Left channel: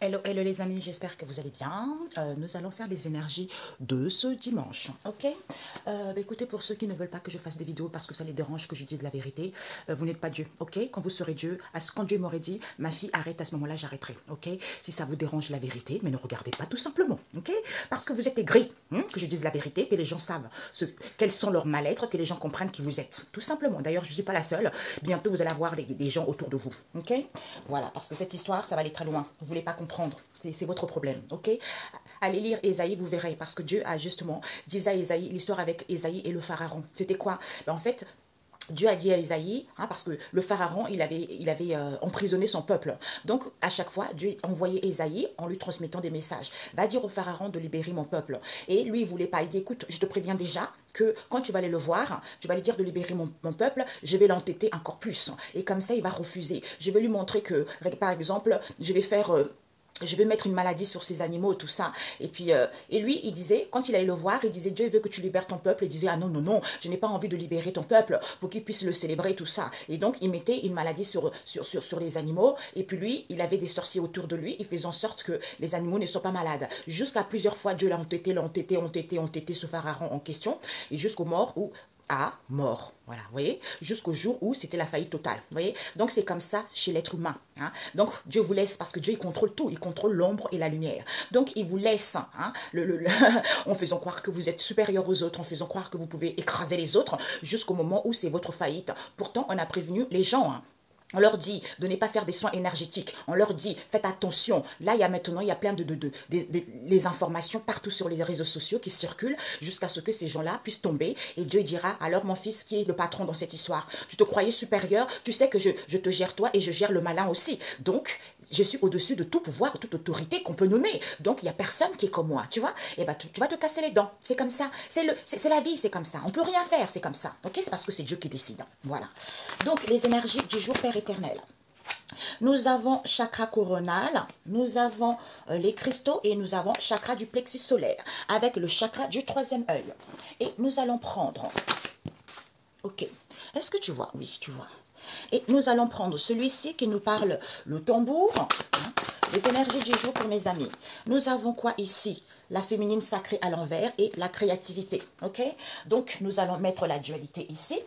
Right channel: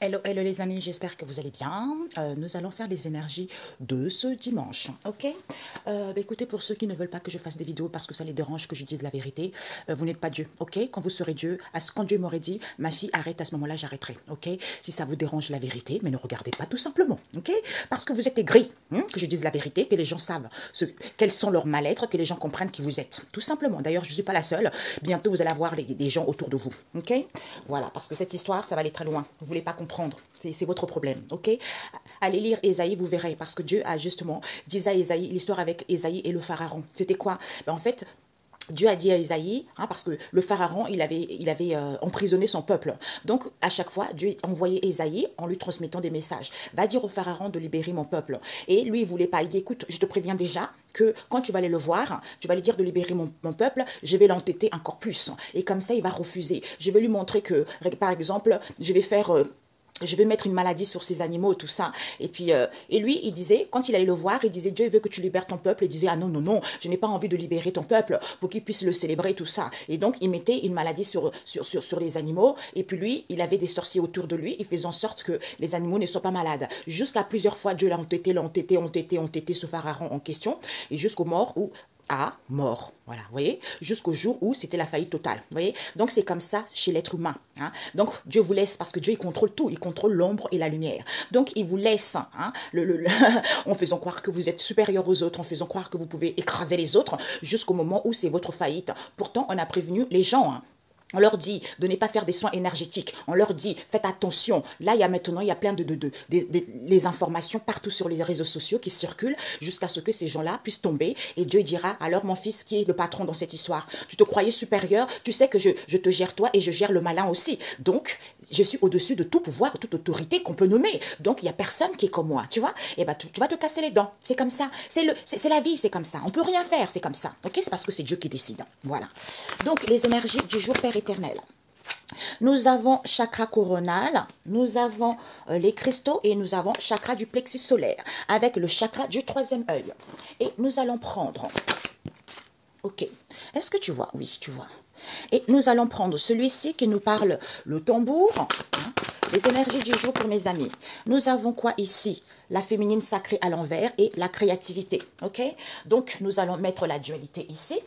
Hello, hello les amis, j'espère que vous allez bien. Nous allons faire les énergies de ce dimanche, ok. Écoutez, pour ceux qui ne veulent pas que je fasse des vidéos parce que ça les dérange que je dise la vérité, vous n'êtes pas Dieu, ok. Quand vous serez Dieu, quand Dieu m'aurait dit, ma fille arrête, à ce moment-là j'arrêterai, ok. Si ça vous dérange la vérité, mais ne regardez pas tout simplement, ok. Parce que vous êtes aigris, que je dise la vérité, que les gens savent quels sont leurs mal-être, que les gens comprennent qui vous êtes, tout simplement. D'ailleurs, je ne suis pas la seule, bientôt vous allez avoir des gens autour de vous, ok. Voilà, parce que cette histoire, ça va aller très loin, vous ne voulez pas comprendre. C'est votre problème, ok. Allez lire Ésaïe, vous verrez, parce que Dieu a justement dit à Ésaïe, l'histoire avec Ésaïe et le pharaon. C'était quoi? En fait, Dieu a dit à Ésaïe, parce que le pharaon, il avait emprisonné son peuple. Donc, à chaque fois, Dieu envoyait Ésaïe en lui transmettant des messages. Va dire au pharaon de libérer mon peuple. Et lui, il ne voulait pas. Il dit, écoute, je te préviens déjà que quand tu vas aller le voir, tu vas lui dire de libérer mon peuple, je vais l'entêter encore plus. Et comme ça, il va refuser. Je vais lui montrer que, par exemple, je vais mettre une maladie sur ces animaux, tout ça. Et puis, et lui, il disait, quand il allait le voir, il disait, Dieu veut que tu libères ton peuple. Il disait, ah non, non, non, je n'ai pas envie de libérer ton peuple pour qu'il puisse le célébrer, tout ça. Et donc, il mettait une maladie sur les animaux. Et puis lui, il avait des sorciers autour de lui. Il faisait en sorte que les animaux ne soient pas malades. Jusqu'à plusieurs fois, Dieu l'a entêté ce pharaon en question. Et jusqu'au mort mort. Voilà, vous voyez, jusqu'au jour où c'était la faillite totale. Vous voyez, donc c'est comme ça chez l'être humain. Donc Dieu vous laisse, parce que Dieu il contrôle tout, il contrôle l'ombre et la lumière. Donc il vous laisse, en faisant croire que vous êtes supérieur aux autres, en faisant croire que vous pouvez écraser les autres, jusqu'au moment où c'est votre faillite. Pourtant, on a prévenu les gens. On leur dit de ne pas faire des soins énergétiques. On leur dit, faites attention. Là, il y a plein les informations partout sur les réseaux sociaux qui circulent jusqu'à ce que ces gens-là puissent tomber. Et Dieu dira, alors mon fils, qui est le patron dans cette histoire? Tu te croyais supérieur, tu sais que je te gère toi et je gère le malin aussi. Donc, je suis au-dessus de tout pouvoir, de toute autorité qu'on peut nommer. Donc, il n'y a personne qui est comme moi, tu vois. Et ben, tu vas te casser les dents. C'est comme ça. C'est la vie, c'est comme ça. On peut rien faire, c'est comme ça. Ok, c'est parce que c'est Dieu qui décide. Voilà. Donc, les énergies du jour, Père éternel. Nous avons chakra coronal, nous avons les cristaux et nous avons chakra du plexus solaire avec le chakra du troisième œil. Et nous allons prendre, ok, est-ce que tu vois? Oui, tu vois. Et nous allons prendre celui-ci qui nous parle le tambour, les énergies du jour pour mes amis. Nous avons quoi ici? La féminine sacrée à l'envers et la créativité, ok? Donc, nous allons mettre la dualité ici.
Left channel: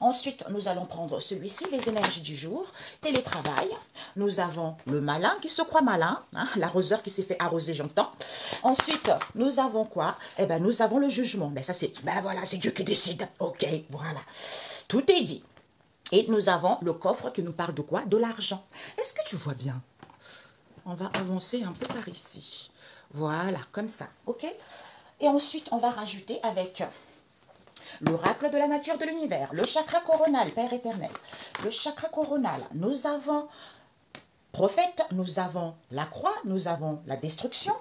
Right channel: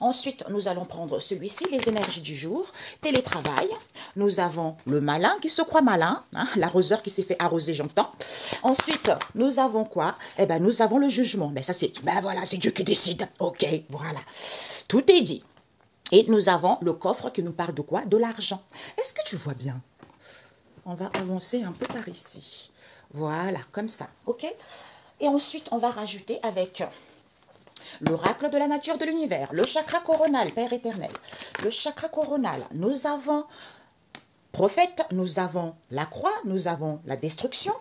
Ensuite, nous allons prendre celui-ci, les énergies du jour, télétravail. Nous avons le malin qui se croit malin, l'arroseur qui s'est fait arroser, j'entends. Ensuite, nous avons quoi? Eh bien, nous avons le jugement. Mais ça, c'est, voilà, c'est Dieu qui décide. Ok, voilà. Tout est dit. Et nous avons le coffre qui nous parle de quoi? De l'argent. Est-ce que tu vois bien? On va avancer un peu par ici. Voilà, comme ça, ok? Et ensuite, on va rajouter avec l'oracle de la nature de l'univers, le chakra coronal, Père éternel. Le chakra coronal, nous avons prophète, nous avons la croix, nous avons la destruction.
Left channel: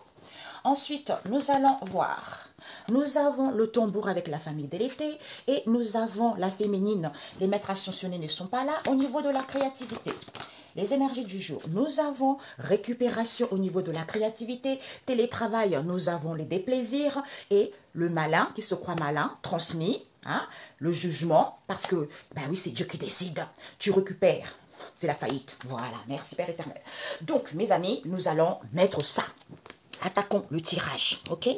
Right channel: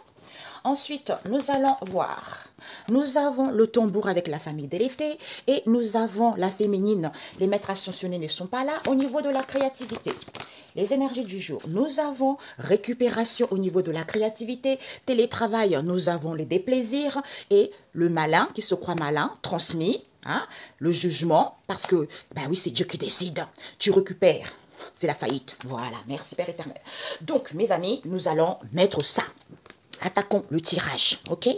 Ensuite, nous allons voir, nous avons le tambour avec la famille délétée et nous avons la féminine. Les maîtres ascensionnés ne sont pas là au niveau de la créativité. Les énergies du jour, nous avons récupération au niveau de la créativité, télétravail, nous avons les déplaisirs et le malin qui se croit malin, transmis, le jugement, parce que, oui, c'est Dieu qui décide, tu récupères, c'est la faillite. Voilà, merci Père éternel. Donc, mes amis, nous allons mettre ça. Attaquons le tirage, ok?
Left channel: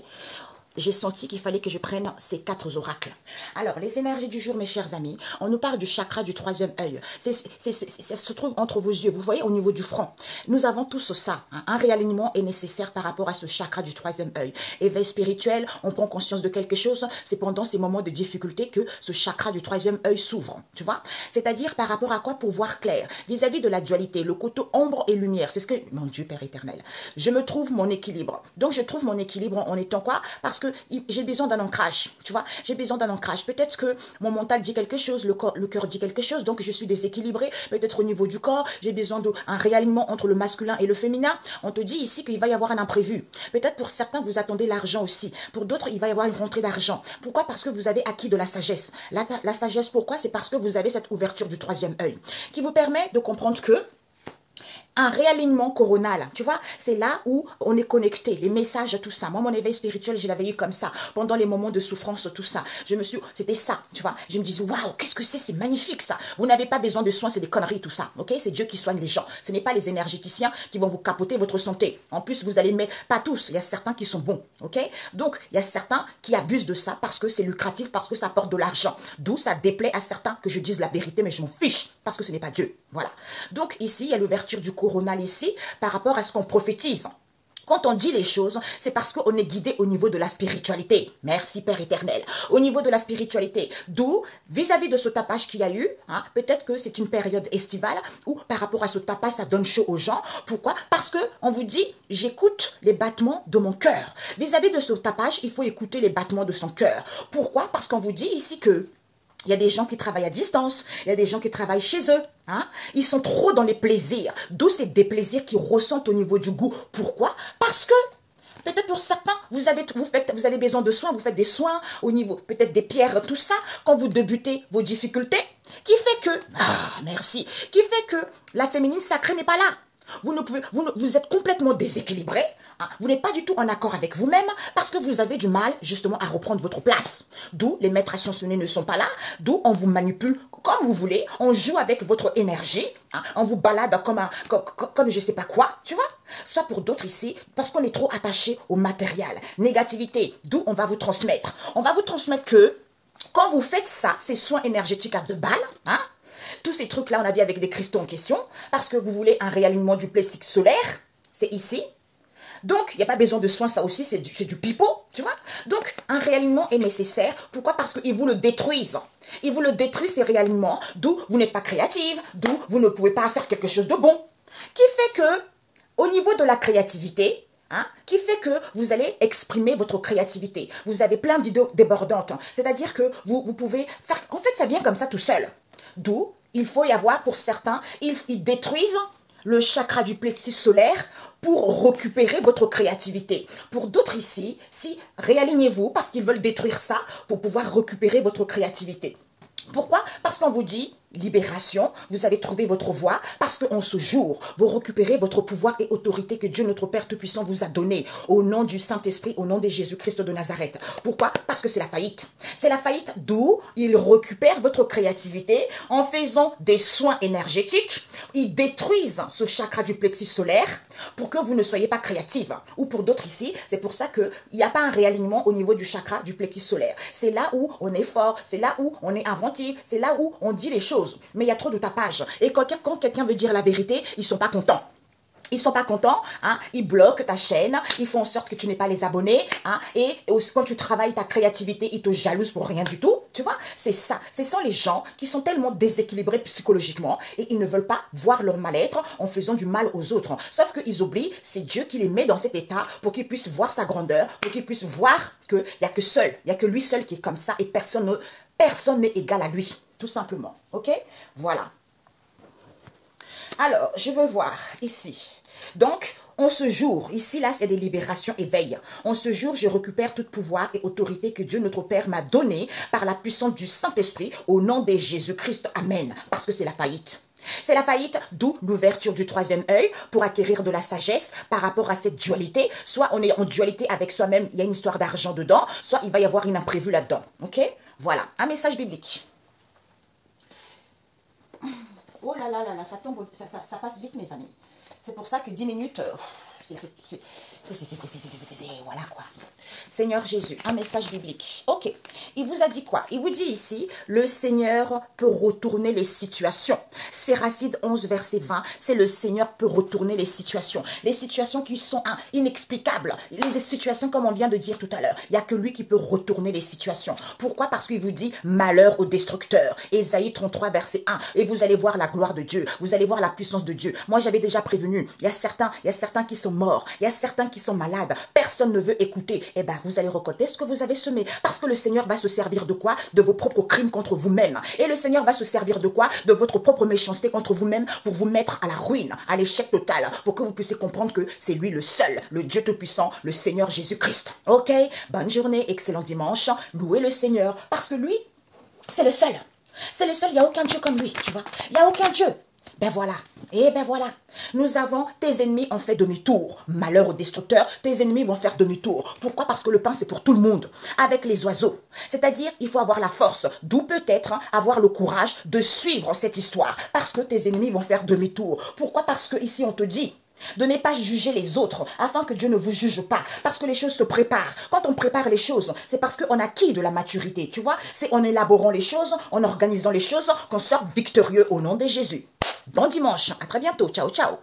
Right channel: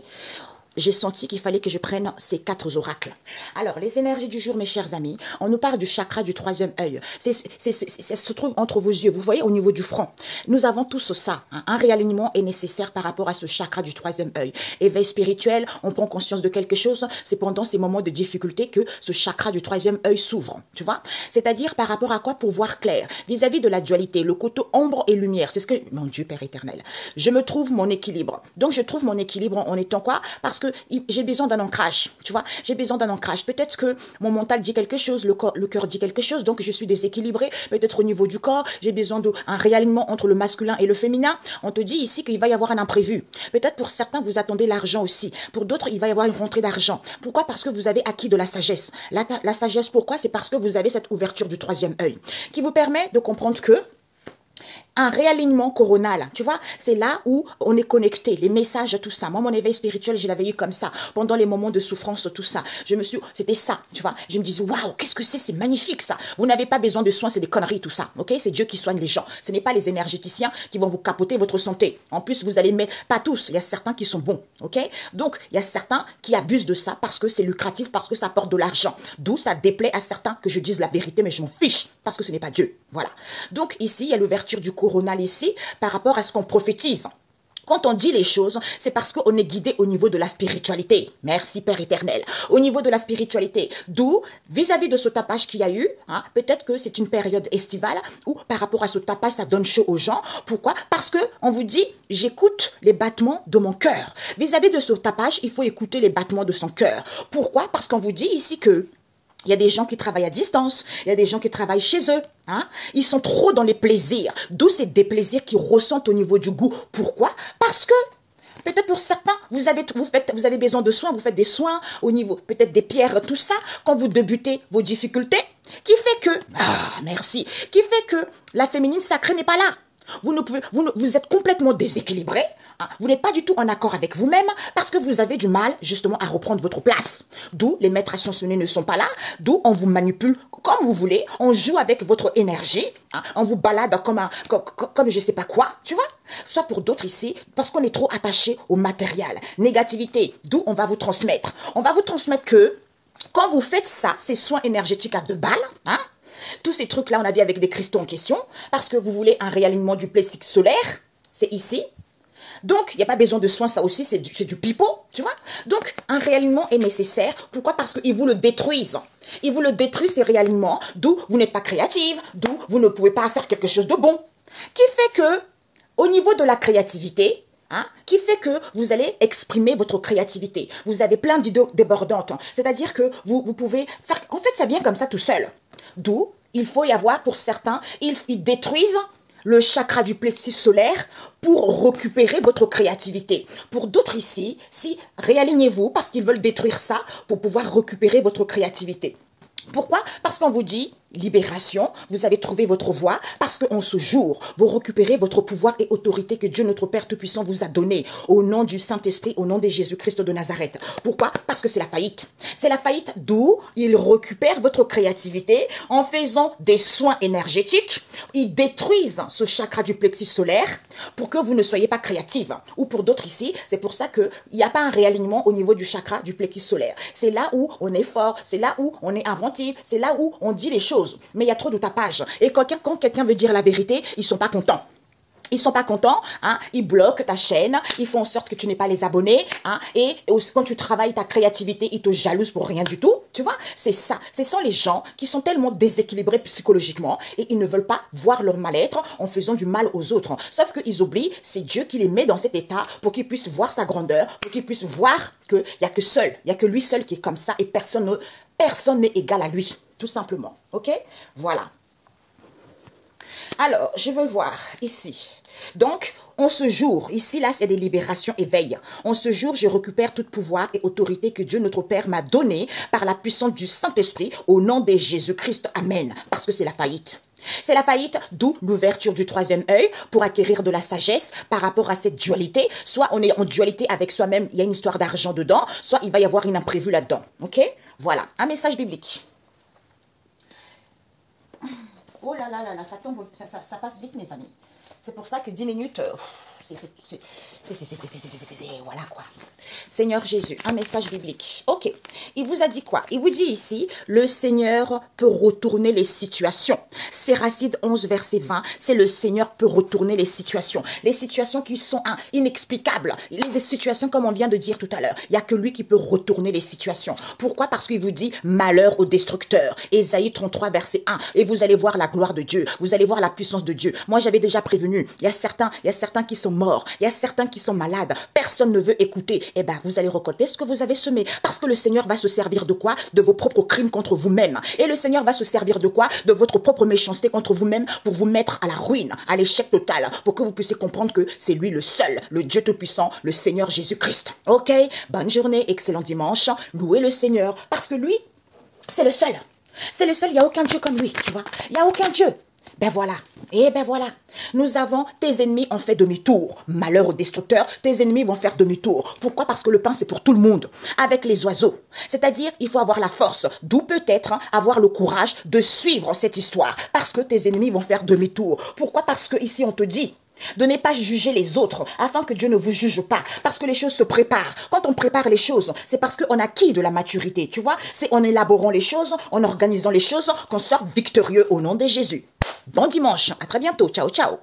J'ai senti qu'il fallait que je prenne ces 4 oracles. Alors, les énergies du jour, mes chers amis, on nous parle du chakra du troisième œil. Ça se trouve entre vos yeux, vous voyez, au niveau du front. Nous avons tous ça. Un réalignement est nécessaire par rapport à ce chakra du troisième œil. Éveil spirituel, on prend conscience de quelque chose. C'est pendant ces moments de difficulté que ce chakra du troisième œil s'ouvre, tu vois. C'est-à-dire par rapport à quoi? Pour voir clair. Vis-à-vis de la dualité, le côté ombre et lumière. C'est ce que, mon Dieu, Père éternel, je me trouve mon équilibre. Donc, je trouve mon équilibre en étant quoi? Parce que j'ai besoin d'un ancrage, tu vois, j'ai besoin d'un ancrage. Peut-être que mon mental dit quelque chose, le cœur dit quelque chose, donc je suis déséquilibrée. Peut-être au niveau du corps, j'ai besoin d'un réalignement entre le masculin et le féminin. On te dit ici qu'il va y avoir un imprévu. Peut-être pour certains, vous attendez l'argent aussi. Pour d'autres, il va y avoir une rentrée d'argent. Pourquoi? Parce que vous avez acquis de la sagesse. La sagesse, pourquoi? C'est parce que vous avez cette ouverture du troisième œil qui vous permet de comprendre que un réalignement coronal, tu vois, c'est là où on est connecté, les messages, tout ça. Moi, mon éveil spirituel, je l'avais eu comme ça, pendant les moments de souffrance, tout ça. C'était ça, tu vois. Je me disais, waouh, qu'est-ce que c'est magnifique ça. Vous n'avez pas besoin de soins, c'est des conneries, tout ça, ok. C'est Dieu qui soigne les gens. Ce n'est pas les énergéticiens qui vont vous capoter votre santé. En plus, vous allez mettre, pas tous, il y a certains qui sont bons, ok. Donc, il y a certains qui abusent de ça parce que c'est lucratif, parce que ça apporte de l'argent. D'où ça déplaît à certains que je dise la vérité, mais je m'en fiche, parce que ce n'est pas Dieu, voilà. Donc, ici, il y a l'ouverture du coronal ici, par rapport à ce qu'on prophétise. Quand on dit les choses, c'est parce qu'on est guidé au niveau de la spiritualité. Merci Père éternel. Au niveau de la spiritualité. D'où, vis-à-vis de ce tapage qu'il y a eu, hein, peut-être que c'est une période estivale où par rapport à ce tapage, ça donne chaud aux gens. Pourquoi? Parce que on vous dit, j'écoute les battements de mon cœur. Vis-à-vis de ce tapage, il faut écouter les battements de son cœur. Pourquoi? Parce qu'on vous dit ici que il y a des gens qui travaillent à distance, il y a des gens qui travaillent chez eux. Hein? Ils sont trop dans les plaisirs, d'où c'est des plaisirs qu'ils ressentent au niveau du goût. Pourquoi? Parce que peut-être pour certains, vous avez besoin de soins, vous faites des soins au niveau peut-être des pierres, tout ça, quand vous débutez vos difficultés, qui fait que, merci, qui fait que la féminine sacrée n'est pas là. Vous êtes complètement déséquilibré, hein, vous n'êtes pas du tout en accord avec vous-même parce que vous avez du mal justement à reprendre votre place. D'où les maîtres ascensionnés ne sont pas là, d'où on vous manipule comme vous voulez, on joue avec votre énergie, hein, on vous balade comme je ne sais pas quoi, tu vois. Ça pour d'autres ici, parce qu'on est trop attaché au matériel. Négativité, d'où on va vous transmettre. On va vous transmettre que quand vous faites ça, ces soins énergétiques à 2 balles, hein, tous ces trucs-là, on a vu avec des cristaux en question, parce que vous voulez un réalignement du plexus solaire, c'est ici. Donc, il n'y a pas besoin de soins, ça aussi, c'est du pipeau, tu vois. Donc, un réalignement est nécessaire. Pourquoi? Parce qu'ils vous le détruisent. Ils vous le détruisent, ces réalignements, d'où vous n'êtes pas créative, d'où vous ne pouvez pas faire quelque chose de bon. Qui fait que, au niveau de la créativité, hein, qui fait que vous allez exprimer votre créativité. Vous avez plein d'idées débordantes. C'est-à-dire que vous pouvez faire... En fait, ça vient comme ça tout seul. D'où, il faut y avoir, pour certains, ils détruisent le chakra du plexus solaire pour récupérer votre créativité. Pour d'autres ici, si réalignez-vous parce qu'ils veulent détruire ça pour pouvoir récupérer votre créativité. Pourquoi? Parce qu'on vous dit libération, vous avez trouvé votre voie, parce qu'en ce jour, vous récupérez votre pouvoir et autorité que Dieu notre Père Tout-Puissant vous a donné au nom du Saint-Esprit, au nom de Jésus-Christ de Nazareth. Pourquoi? Parce que c'est la faillite. C'est la faillite d'où il récupère votre créativité en faisant des soins énergétiques. Ils détruisent ce chakra du plexus solaire pour que vous ne soyez pas créative. Ou pour d'autres ici, c'est pour ça qu'il n'y a pas un réalignement au niveau du chakra du plexus solaire. C'est là où on est fort, c'est là où on est inventif, c'est là où on dit les choses. Mais il y a trop de tapage. Et quand quelqu'un veut dire la vérité, ils ne sont pas contents. Ils ne sont pas contents, hein, ils bloquent ta chaîne, ils font en sorte que tu n'aies pas les abonnés, hein, et quand tu travailles ta créativité, ils te jalousent pour rien du tout, tu vois. C'est ça. Ce sont les gens qui sont tellement déséquilibrés psychologiquement et ils ne veulent pas voir leur mal-être en faisant du mal aux autres. Sauf qu'ils oublient, c'est Dieu qui les met dans cet état pour qu'ils puissent voir sa grandeur, pour qu'ils puissent voir qu'il n'y a que lui seul qui est comme ça et personne n'est égal à lui. Tout simplement, ok? Voilà. Alors, je veux voir ici. Donc, en ce jour, ici, là, il y a des libérations, éveil. En ce jour, je récupère tout pouvoir et autorité que Dieu, notre Père, m'a donné par la puissance du Saint-Esprit au nom de Jésus-Christ. Amen. Parce que c'est la faillite. C'est la faillite, d'où l'ouverture du 3e œil pour acquérir de la sagesse par rapport à cette dualité. Soit on est en dualité avec soi-même, il y a une histoire d'argent dedans, soit il va y avoir une imprévue là-dedans. Ok? Voilà, un message biblique. Oh là là là là, ça tombe, ça passe vite mes amis. C'est pour ça que 10 minutes, voilà quoi. Seigneur Jésus, un message biblique. Ok, il vous a dit quoi? Il vous dit ici, le Seigneur peut retourner les situations. Séracide 11, verset 20, c'est le Seigneur peut retourner les situations. Les situations qui sont inexplicables. Les situations comme on vient de dire tout à l'heure. Il n'y a que lui qui peut retourner les situations. Pourquoi? Parce qu'il vous dit, malheur au destructeur. Ésaïe 33, verset 1. Et vous allez voir la gloire de Dieu. Vous allez voir la puissance de Dieu. Moi, j'avais déjà prévenu. Il y a certains qui sont morts. Il y a certains qui sont malades. Personne ne veut écouter. Eh bien, vous allez récolter ce que vous avez semé. Parce que le Seigneur va se servir de quoi? De vos propres crimes contre vous-même. Et le Seigneur va se servir de quoi? De votre propre méchanceté contre vous-même pour vous mettre à la ruine, à l'échec total, pour que vous puissiez comprendre que c'est lui le seul, le Dieu Tout-Puissant, le Seigneur Jésus-Christ. Ok? Bonne journée, excellent dimanche. Louez le Seigneur parce que lui, c'est le seul. C'est le seul, il n'y a aucun Dieu comme lui, tu vois. Il n'y a aucun Dieu. Ben voilà, et ben voilà, nous avons, tes ennemis ont fait demi-tour. Malheur aux destructeurs, tes ennemis vont faire demi-tour. Pourquoi? Parce que le pain, c'est pour tout le monde, avec les oiseaux. C'est-à-dire, il faut avoir la force, d'où peut-être avoir le courage de suivre cette histoire, parce que tes ennemis vont faire demi-tour. Pourquoi? Parce que ici, on te dit de ne pas juger les autres, afin que Dieu ne vous juge pas, parce que les choses se préparent. Quand on prépare les choses, c'est parce qu'on acquis de la maturité, tu vois. C'est en élaborant les choses, en organisant les choses, qu'on sort victorieux au nom de Jésus. Bon dimanche, à très bientôt, ciao, ciao.